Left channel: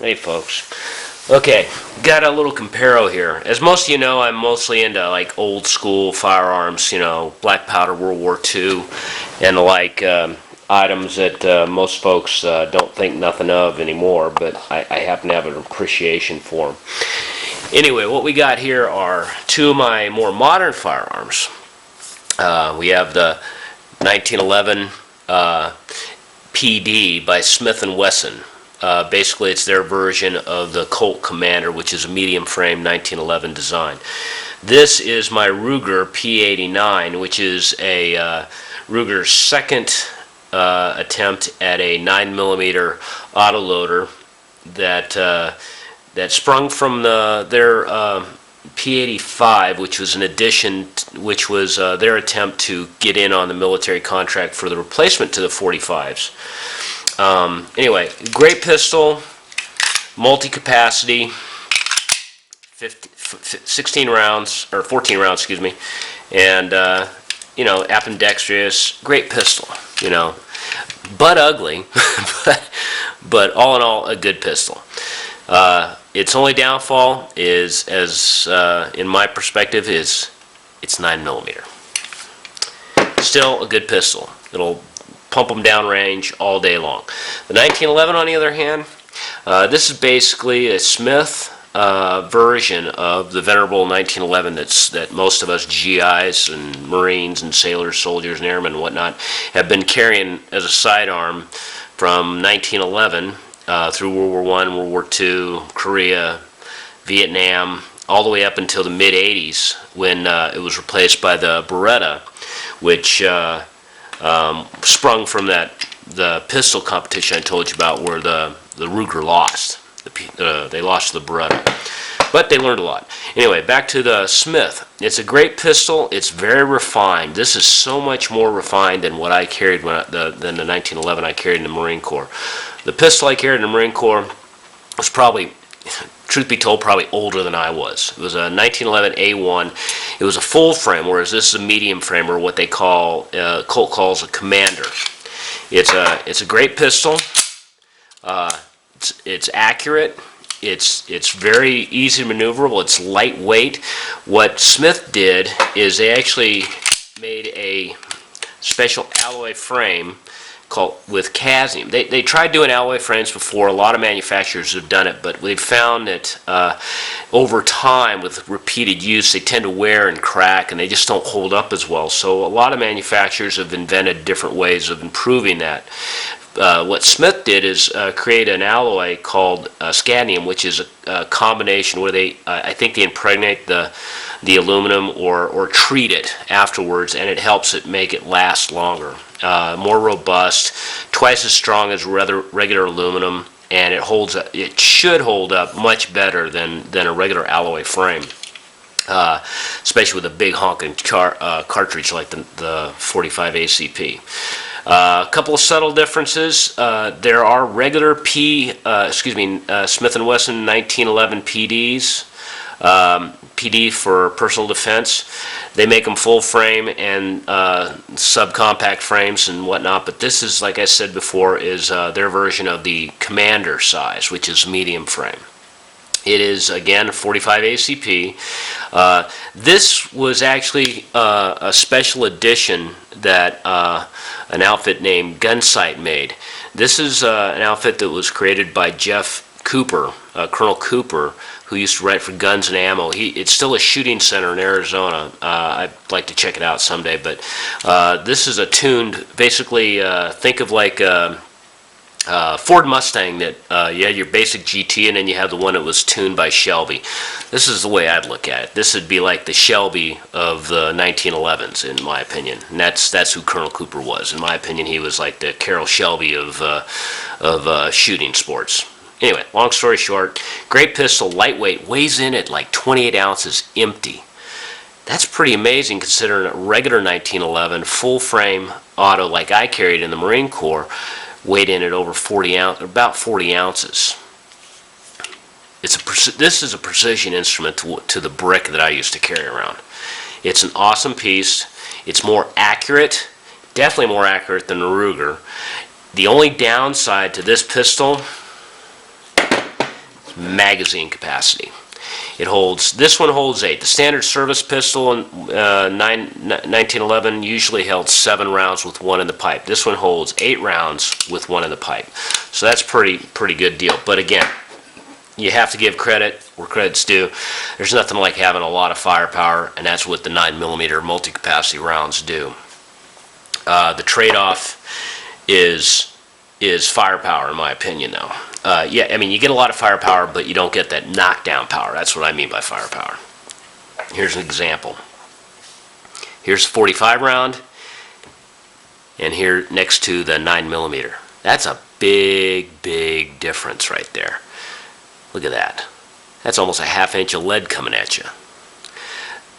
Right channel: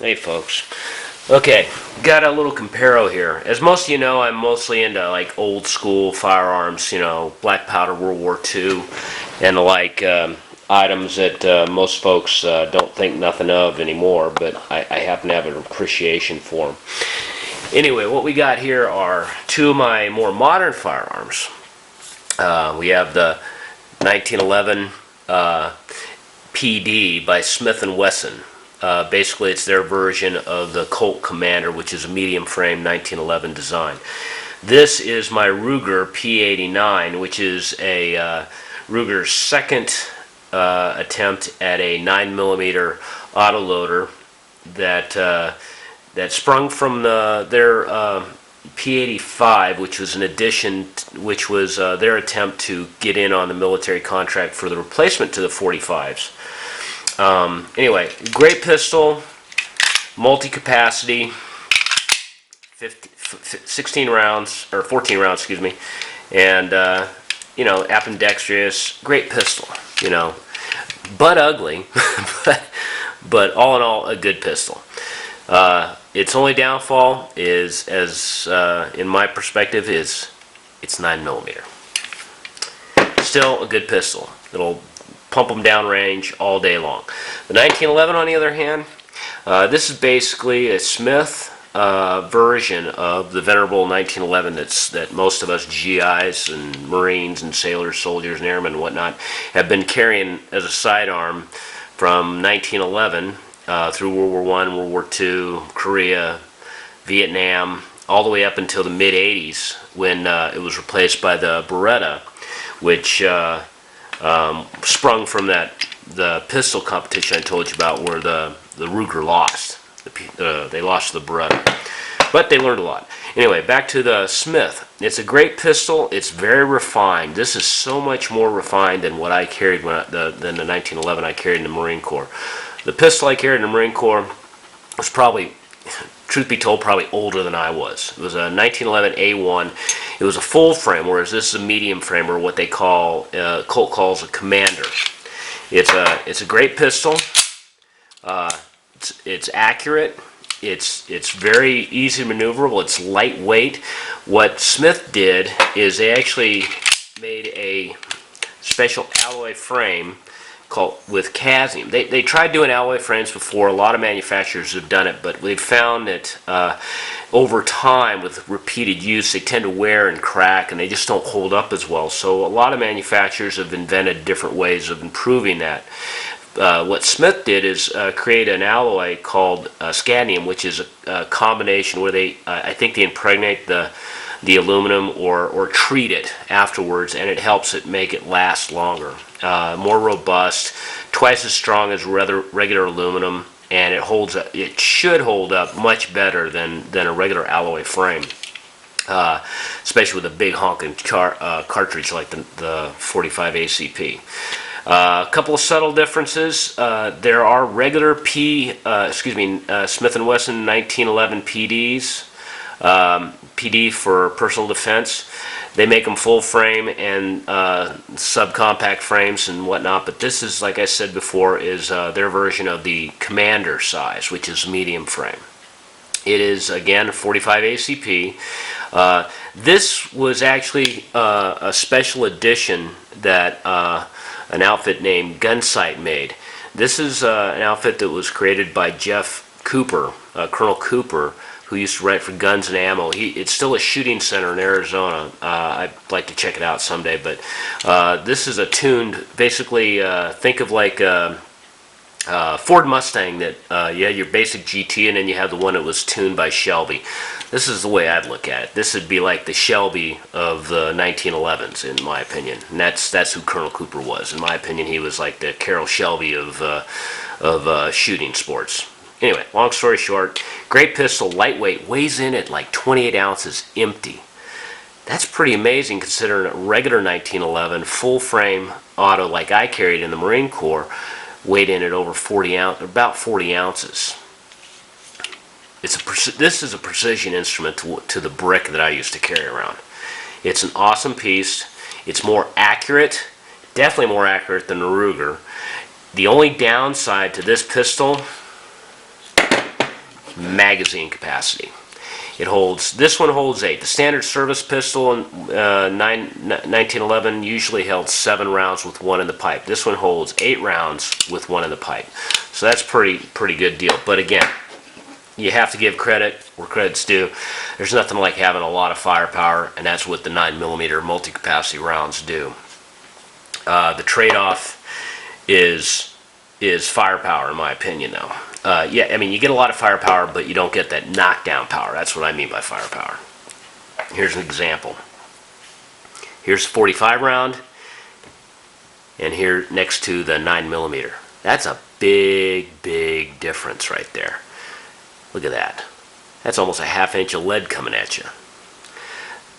Hey folks. Okay, got a little comparo here. As most of you know, I'm mostly into like old school firearms, black powder, World War II, and the like items that most folks don't think nothing of anymore, but I happen to have an appreciation for them. Anyway, what we got here are two of my more modern firearms. We have the 1911 PD by Smith Wesson. Basically, it's their version of the Colt Commander, which is a medium frame 1911 design. This is my Ruger P89, which is a Ruger's second attempt at a 9mm autoloader that sprung from their P85, which was an addition, which was their attempt to get in on the military contract for the replacement to the 45s. Anyway, great pistol, multi-capacity, 16 rounds, or 14 rounds, excuse me, and, ambidextrous, great pistol, butt ugly, but all in all, a good pistol. Its only downfall is, in my perspective, is it's 9mm. Still a good pistol. It'll pump them down range all day long. The 1911, on the other hand, this is basically a Smith version of the venerable 1911 that most of us GIs and Marines and sailors, soldiers, and airmen and whatnot have been carrying as a sidearm from 1911 through World War I, World War II, Korea, Vietnam, all the way up until the mid-80s when it was replaced by the Beretta, which sprung from the pistol competition I told you about, where the Ruger lost. They lost to the Beretta, but they learned a lot. Anyway, back to the Smith. It's a great pistol. It's very refined. This is so much more refined than what I carried than the 1911 I carried in the Marine Corps. The pistol I carried in the Marine Corps was probably, truth be told, probably older than I was. It was a 1911 A1. It was a full frame, whereas this is a medium frame, or what they call, Colt calls a Commander. It's a great pistol. It's accurate. It's very easy maneuverable. It's lightweight. What Smith did is they actually made a special alloy frame with Casium. They tried doing alloy frames before. A lot of manufacturers have done it, but we've found that over time, with repeated use, they tend to wear and crack, and they just don't hold up as well. So a lot of manufacturers have invented different ways of improving that. What Smith did is create an alloy called Scadmium, which is a combination where I think they impregnate the aluminum or treat it afterwards, and it helps it make it last longer. More robust, twice as strong as regular aluminum, and it should hold up much better than a regular alloy frame, especially with a big honking cartridge like the 45 ACP. A couple of subtle differences. There are regular Smith & Wesson 1911 PDs. PD for personal defense. They make them full frame and subcompact frames and whatnot, but this is, like I said before, is their version of the Commander size, which is medium frame. It is, again, 45 ACP. This was actually a special edition that an outfit named Gunsight made. This is an outfit that was created by Jeff Cooper, Colonel Cooper, who used to write for Guns and Ammo. It's still a shooting center in Arizona. I'd like to check it out someday, but this is a tuned, basically, think of like a Ford Mustang that you had your basic GT, and then you have the one that was tuned by Shelby. This is the way I'd look at it. This would be like the Shelby of the 1911s, in my opinion. And that's who Colonel Cooper was. In my opinion, he was like the Carroll Shelby of shooting sports. Anyway, long story short, great pistol, lightweight, weighs in at like 28 ounces empty. That's pretty amazing considering a regular 1911 full frame auto like I carried in the Marine Corps weighed in at over about 40 ounces. This is a precision instrument to the brick that I used to carry around. It's an awesome piece. It's more accurate, definitely more accurate than the Ruger. The only downside to this pistol magazine capacity. It holds, this one holds 8. The standard service pistol in 1911 usually held 7 rounds with 1 in the pipe. This one holds 8 rounds with 1 in the pipe. So that's pretty good deal. But again, you have to give credit where credit's due. There's nothing like having a lot of firepower, and that's what the 9mm multi-capacity rounds do. The trade-off is firepower, in my opinion, though. Yeah, I mean, you get a lot of firepower, but you don't get that knockdown power. That's what I mean by firepower. Here's an example. Here's a 45 round, and here next to the 9mm. That's a big difference right there. Look at that. That's almost a ½ inch of lead coming at you.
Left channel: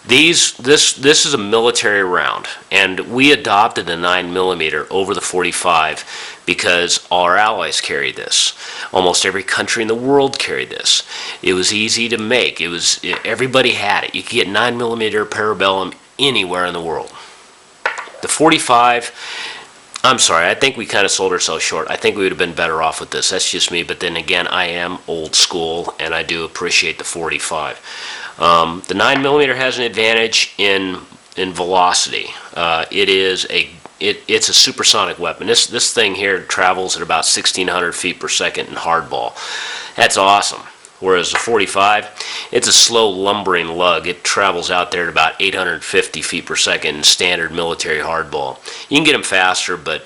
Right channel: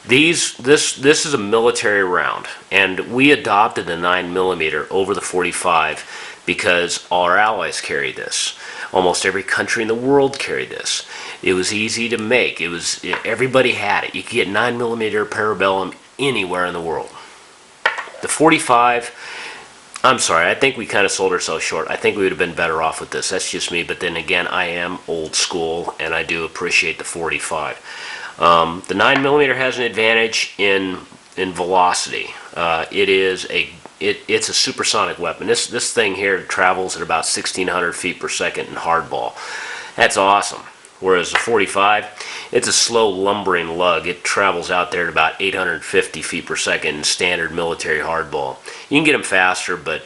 This is a military round, and we adopted the 9mm over the 45 because all our allies carried this. Almost every country in the world carried this. It was easy to make. Everybody had it. You could get 9mm parabellum anywhere in the world. The 45, I'm sorry, I think we kind of sold ourselves short. I think we would have been better off with this. That's just me, but then again, I am old school, and I do appreciate the 45. The 9mm has an advantage in velocity. It's a supersonic weapon. This thing here travels at about 1,600 feet per second in hardball. That's awesome. Whereas the 45, it's a slow lumbering lug. It travels out there at about 850 feet per second in standard military hardball. You can get them faster, but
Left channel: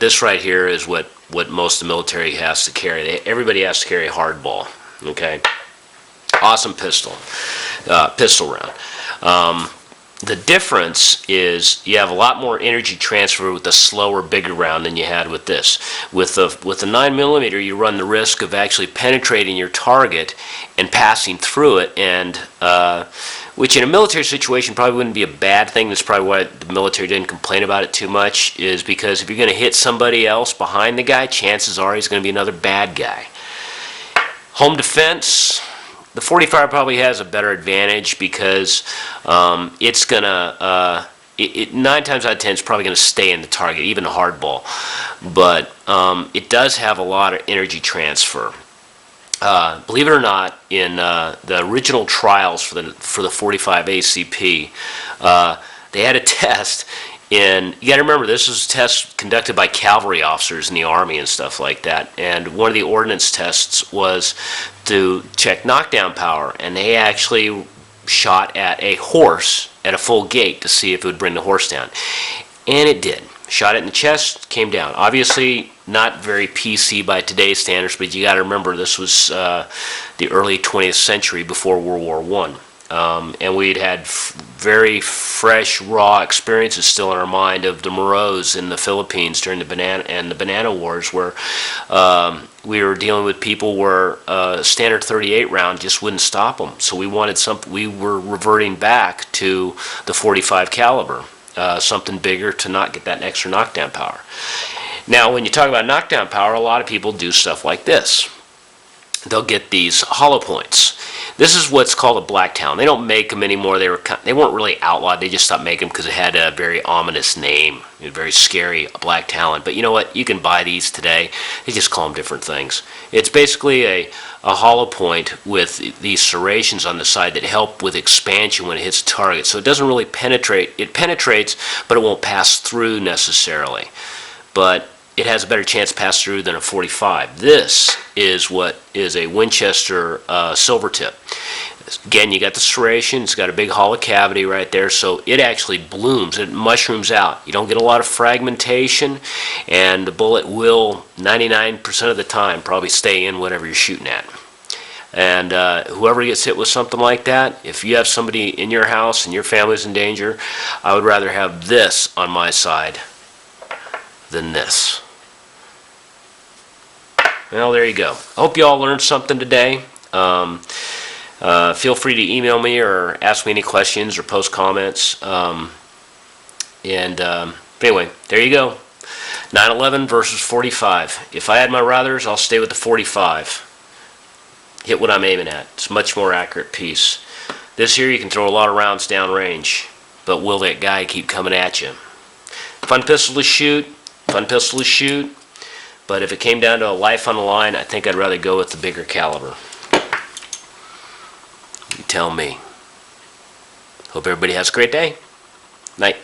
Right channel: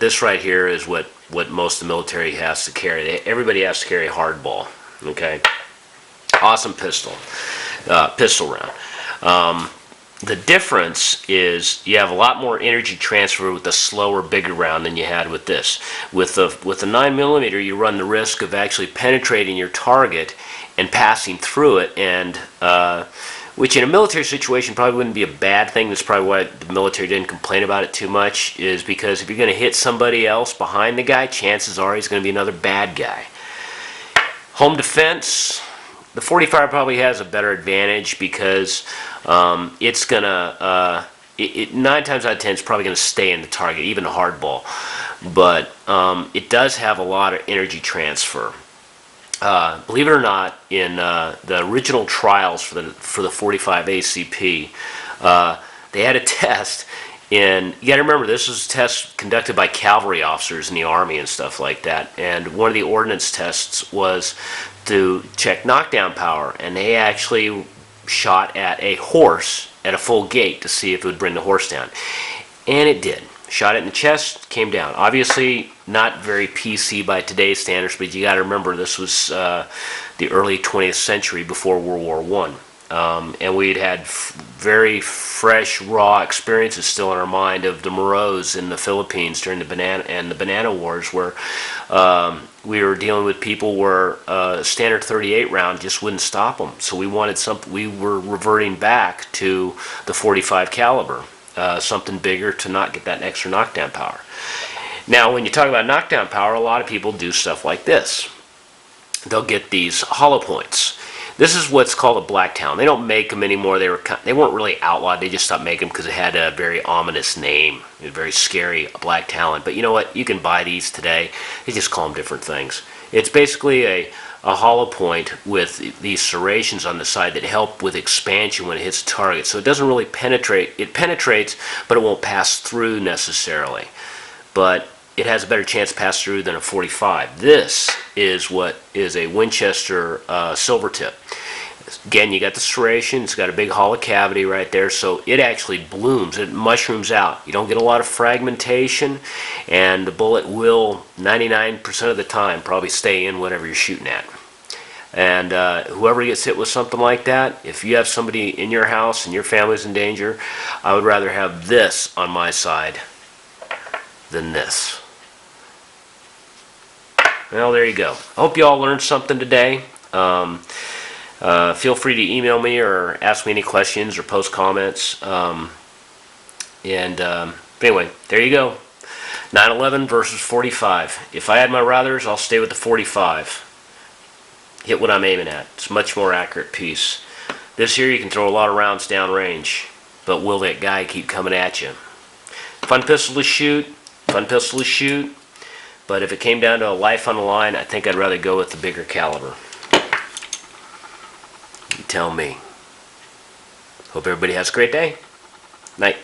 this right here is what most of the military has to carry. Everybody has to carry a hardball. Okay, awesome pistol round. The difference is you have a lot more energy transfer with the slower, bigger round than you had with this. With the 9mm, you run the risk of actually penetrating your target and passing through it, and which in a military situation probably wouldn't be a bad thing. That's probably why the military didn't complain about it too much, is because if you're going to hit somebody else behind the guy, chances are he's going to be another bad guy. Home defense, the 45 probably has a better advantage because it's gonna 9 times out of 10 it's probably gonna stay in the target, even a hardball. But it does have a lot of energy transfer. Believe it or not, in the original trials for the 45 ACP, they had a test. And you got to remember, this was a test conducted by cavalry officers in the Army and stuff like that. And one of the ordnance tests was to check knockdown power. And they actually shot at a horse at a full gait to see if it would bring the horse down. And it did. Shot it in the chest, came down. Obviously, not very PC by today's standards, but you got to remember this was the early 20th century before World War I. And we'd had very fresh, raw experiences still in our mind of the Moros in the Philippines during the banana wars, where we were dealing with people where a standard 38 round just wouldn't stop them. So we wanted something. We were reverting back to the 45 caliber, something bigger to not get that extra knockdown power. Now, when you talk about knockdown power, a lot of people do stuff like this. They'll get these hollow points. This is what's called a black talon. They don't make them anymore. They weren't really outlawed. They just stopped making them because it had a very ominous name, a very scary black talon. But you know what? You can buy these today. They just call them different things. It's basically a hollow point with these serrations on the side that help with expansion when it hits the target. So it doesn't really penetrate. It penetrates, but it won't pass through necessarily. But it has a better chance to pass through than a 45. This is what is a Winchester silver tip. Again, you got the serration. It's got a big hollow cavity right there, so it actually blooms. It mushrooms out. You don't get a lot of fragmentation, and the bullet will 99% of the time probably stay in whatever you're shooting at. And whoever gets hit with something like that, if you have somebody in your house and your family's in danger, I would rather have this on my side than this. Well, there you go. I hope you all learned something today. Feel free to email me or ask me any questions or post comments. Anyway, there you go. 911 versus 45. If I had my ruthers, I'll stay with the 45. Hit what I'm aiming at. It's a much more accurate piece. This here, you can throw a lot of rounds down range, but will that guy keep coming at you? Fun pistol to shoot. Fun pistol to shoot. But if it came down to a life on the line, I think I'd rather go with the bigger caliber. tell me. Hope everybody has a great day. Night.